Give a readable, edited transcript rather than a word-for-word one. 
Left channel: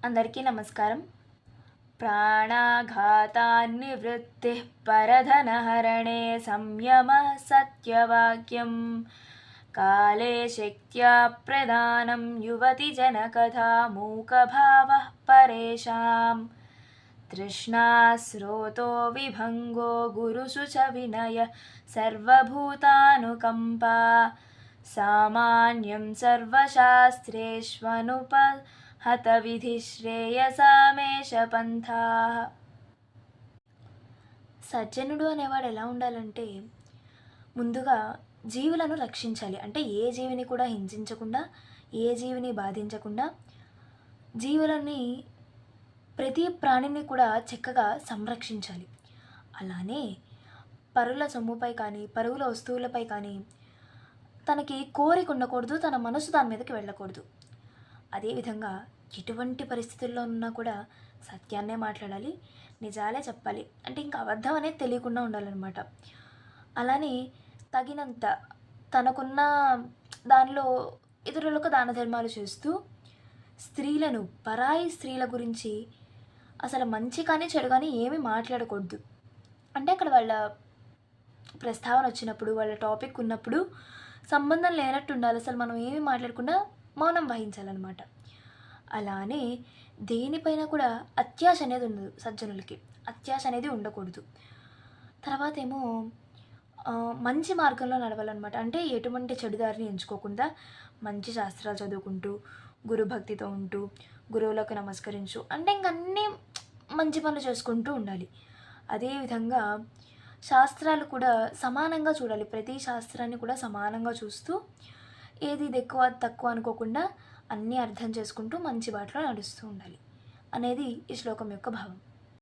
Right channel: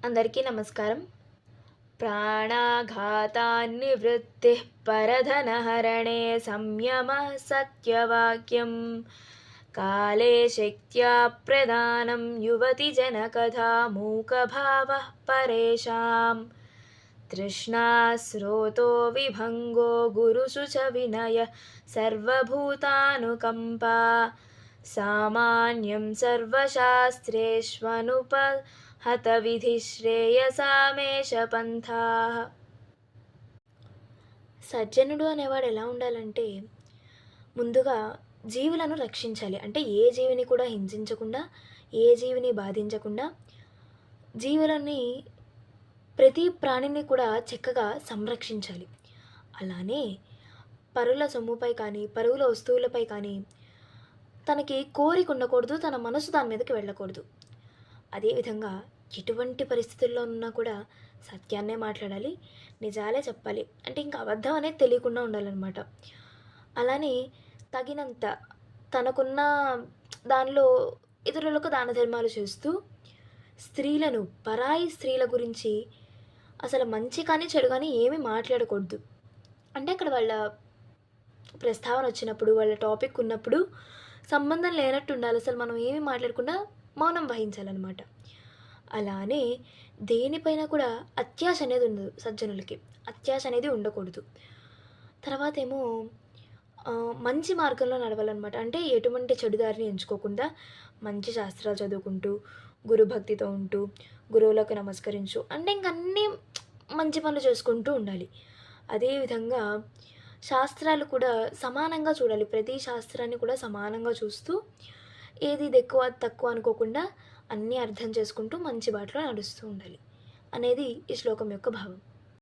అందరికీ నమస్కారం. ప్రాణాఘాతాన్నివృత్తిః పరధనహరణే సంయమः సత్యవాక్యం కాలే శక్త్యా ప్రదానం యువతిజనకథా మూకభావः పరేషాం తృష్ణాస్రోతో విభంగో గురుషు చ వినయ సర్వభూతానుకంపా సామాన్యం సర్వశాస్త్రేష్వనుపహత విధి శ్రేయసామేష పంథా. సజ్జనుడు అనేవాడు ఎలా ఉండాలంటే ముందుగా జీవులను రక్షించాలి. అంటే ఏ జీవిని కూడా హింసించకుండా, ఏ జీవిని బాధించకుండా, జీవులని ప్రతి ప్రాణిని కూడా చక్కగా సంరక్షించాలి. అలానే పరుల సొమ్ముపై కానీ, పరువుల వస్తువులపై కానీ తనకి కోరిక ఉండకూడదు, తన మనసు దాని మీదకి వెళ్ళకూడదు. అదేవిధంగా ఎటువంటి పరిస్థితుల్లో ఉన్నా కూడా సత్యాన్నే మాట్లాడాలి, నిజాలే చెప్పాలి. అంటే ఇంకా అబద్ధం అనేది తెలియకుండా ఉండాలన్నమాట. అలానే తగినంత తనకున్న దానిలో ఇతరులకు దాన ధర్మాలు చేస్తూ స్త్రీలను, పరాయి స్త్రీల గురించి అసలు మంచి కానీ చెడు కానీ ఏమీ మాట్లాడకూడదు. అంటే అక్కడ వాళ్ళ ప్రస్తావన వచ్చినప్పుడు, వాళ్ళ టాపిక్ ఉన్నప్పుడు సంబంధం లేనట్టు ఉండాలి. అసలు మనం ఏమీ మాట్లాడకుండా మౌనం వహించాలన్నమాట. అలానే దేనిపైన కూడా అత్యాశ అనేది ఉండదు. సజ్జనులకి అత్యాశ అనేది ఉండకూడదు. తర్వాత ఏమో మంచి మార్గంలో నడవాలన్నమాట. అంటే ఎటువంటి చెడుదారిని ఎంచుకోకుండా మంచి శాస్త్రాలు చదువుకుంటూ, గురుభక్తితో ఉంటూ, గురువులకు నమస్కరించు, అంటే ఇంకన్నీ మంచి పనులు చేసుకుంటూ ఉండాలి. అదేవిధంగా శాస్త్రాలు కూడా సమానంగా చూడాలి. ప్రతి శాస్త్రాన్ని కూడా సమానంగా చూస్తూ ఏది ఇది ఎక్కువ అది తక్కువ అనుకోకుండా అన్నీ అర్థం చేసుకుంటూ మంచి బాటలో నడుస్తూ ఉండాలి అనేది ఈ శ్లోకం యొక్క భావం.